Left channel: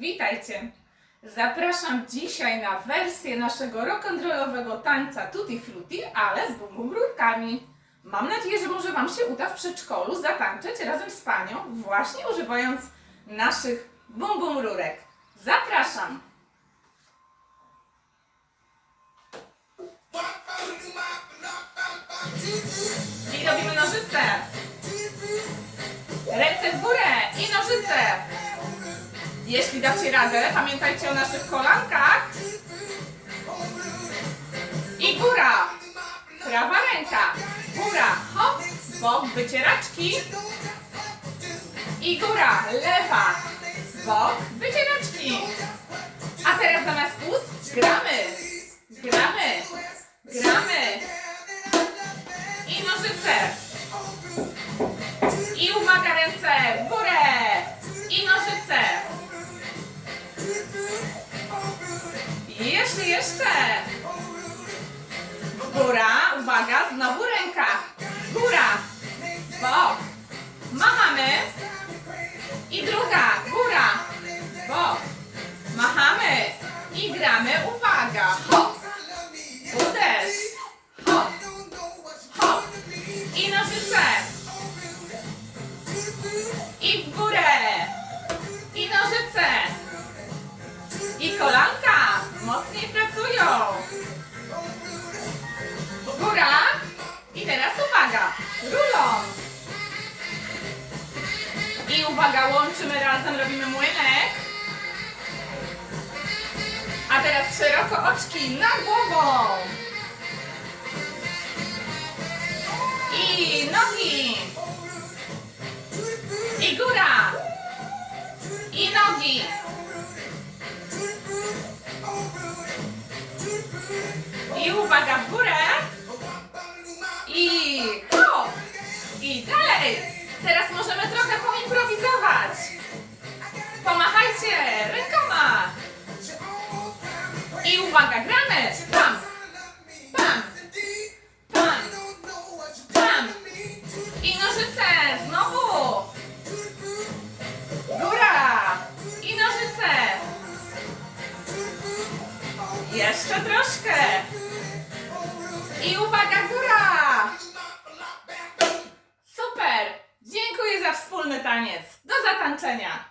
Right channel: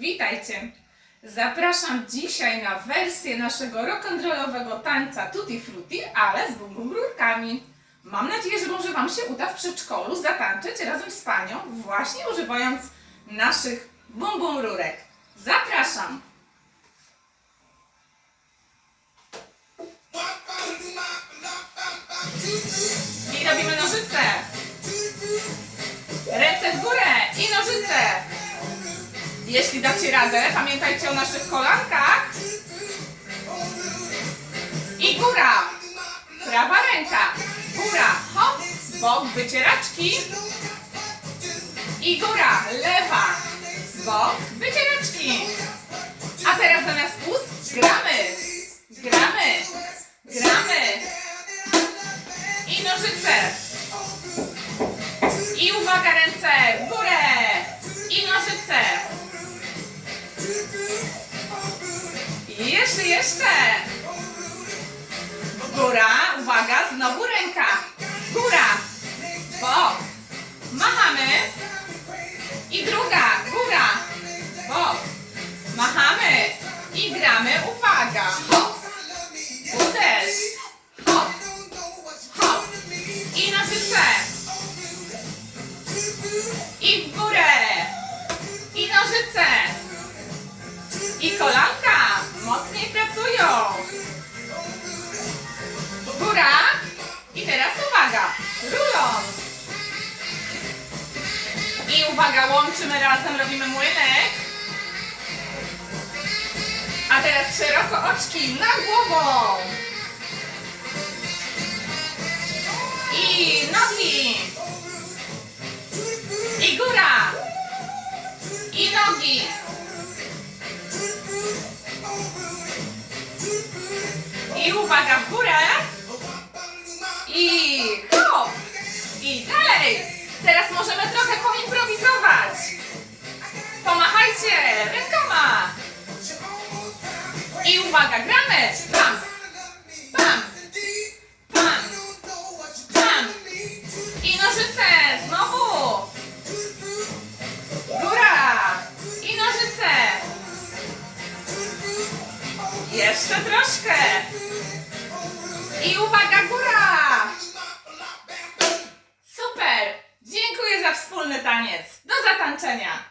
Witajcie! Zapraszam dzisiaj na wersję naszego rock'n'rollowego tańca Tutti Frutti, ale z bum bum rurkami. Mam nadzieję, że może Wam się uda w przedszkolu zatańczyć razem z Panią, właśnie używając naszych bum bum rurek. Zapraszam! I robimy nożyce. Ręce w górę i nożyce. Jeśli dacie radę, pamiętajcie o naszych kolankach. I góra. Prawa ręka. Góra. Hop. Bok wycieraczki. I góra. Lewa. Bok wycieraczki. A teraz zamiast ust gramy. Gramy. Gramy. I nożyce. I uwaga, ręce jeszcze, jeszcze. Góra, uwaga, znowu ręka. Góra. Bok. Machamy. I druga, góra. Bok. Machamy. I gramy, uwaga. Hop. Uderz. Hop. Hop. I nożyce. I pracują. Góra. I teraz uwaga. Rulon. I uwaga, łączymy razem, robimy młynek. A teraz szeroko oczki nad głową. I nogi. I góra. I nogi. I hop. I dalej. Teraz możemy trochę poimprowizować. Pomachajcie rękoma. I uwaga, gramy. Pam. Pam. Pam. Pam. I nożyce. Znowu. Góra. I nożyce. Jeszcze troszkę. I uwaga, góra. Taniec. Do zatańczenia.